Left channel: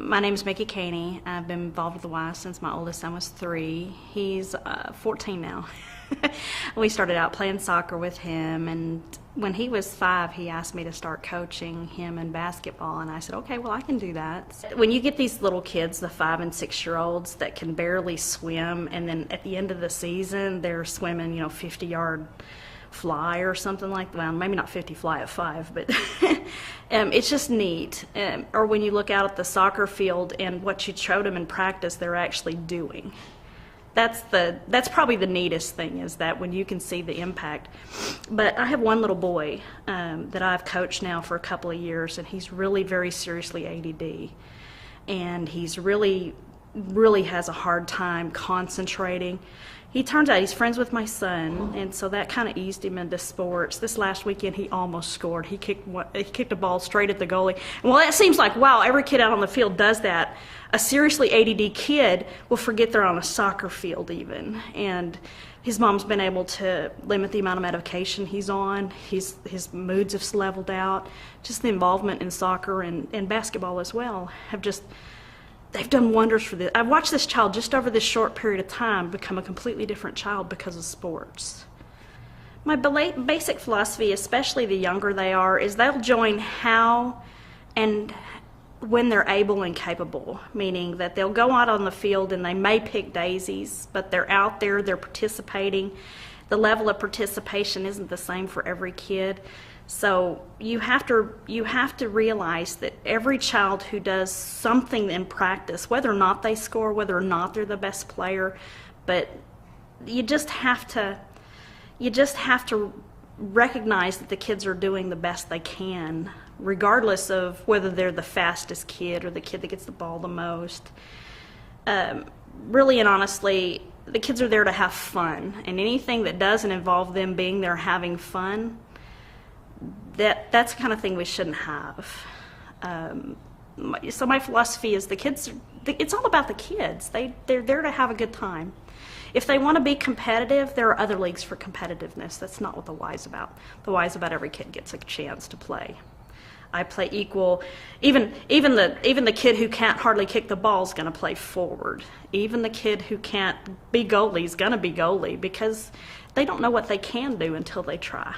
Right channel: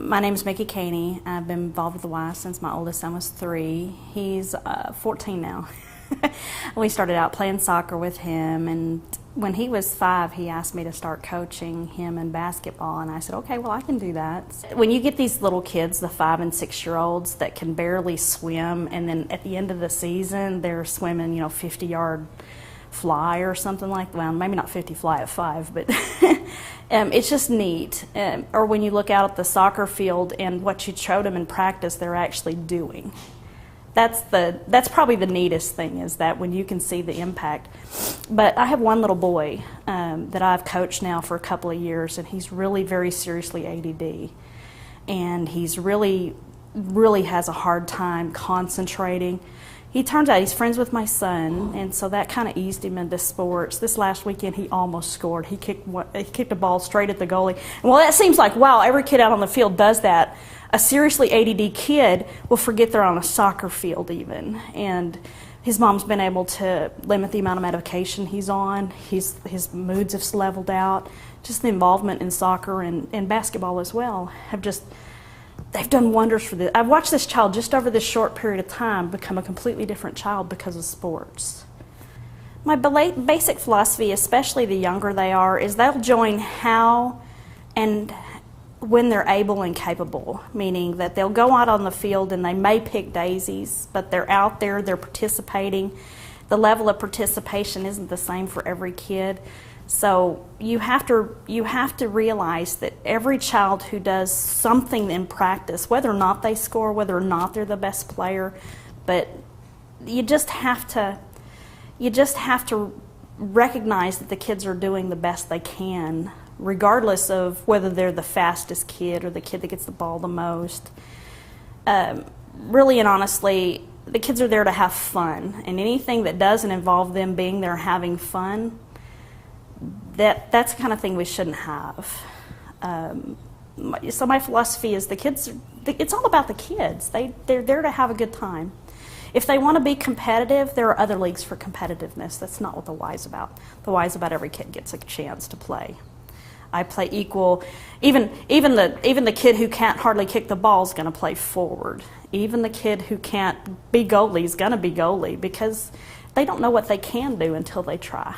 My name is Micki Caney. I've been involved with the Y since my oldest son was 3. He's 14 now. We started out playing soccer with him, and when he was 5, he asked me to start coaching him in basketball, and I said, okay, well, I can do that. When you get these little kids, the 5 and 6-year-olds that can barely swim, and then at the end of the season, they're swimming, 50-yard fly or something like that. Well, maybe not 50 fly at 5, but it's just neat. Or when you look out at the soccer field and what you showed them in practice, they're actually doing. That's probably the neatest thing, is that when you can see the impact. But I have one little boy that I've coached now for a couple of years, and he's really very seriously ADD, and he's really has a hard time concentrating. He turns out he's friends with my son, and so that kind of eased him into sports. This last weekend, he almost scored. He kicked a ball straight at the goalie. And while that seems like, wow, every kid out on the field does that, a seriously ADD kid will forget they're on a soccer field even. And his mom's been able to limit the amount of medication he's on. His moods have leveled out. Just the involvement in soccer and basketball as well they've done wonders for this. I've watched this child just over this short period of time become a completely different child because of sports. My basic philosophy, especially the younger they are, is they'll join how and when they're able and capable, meaning that they'll go out on the field and they may pick daisies, but they're out there, they're participating. The level of participation isn't the same for every kid. So you have to realize that every child who does something in practice, whether or not they score, whether or not they're the best player, but you just have to recognize that the kids are doing the best they can, regardless of whether they're the fastest kid or the kid that gets the ball the most. Really and honestly, the kids are there to have fun, and anything that doesn't involve them being there having fun, that's the kind of thing we shouldn't have. So my philosophy is it's all about the kids. They're there to have a good time. If they want to be competitive, there are other leagues for competitiveness. That's not what the Y is about. The Y is about every kid gets a chance to play. I play equal. Even the kid who can't hardly kick the ball is going to play forward. Even the kid who can't be goalie is going to be goalie, because they don't know what they can do until they try.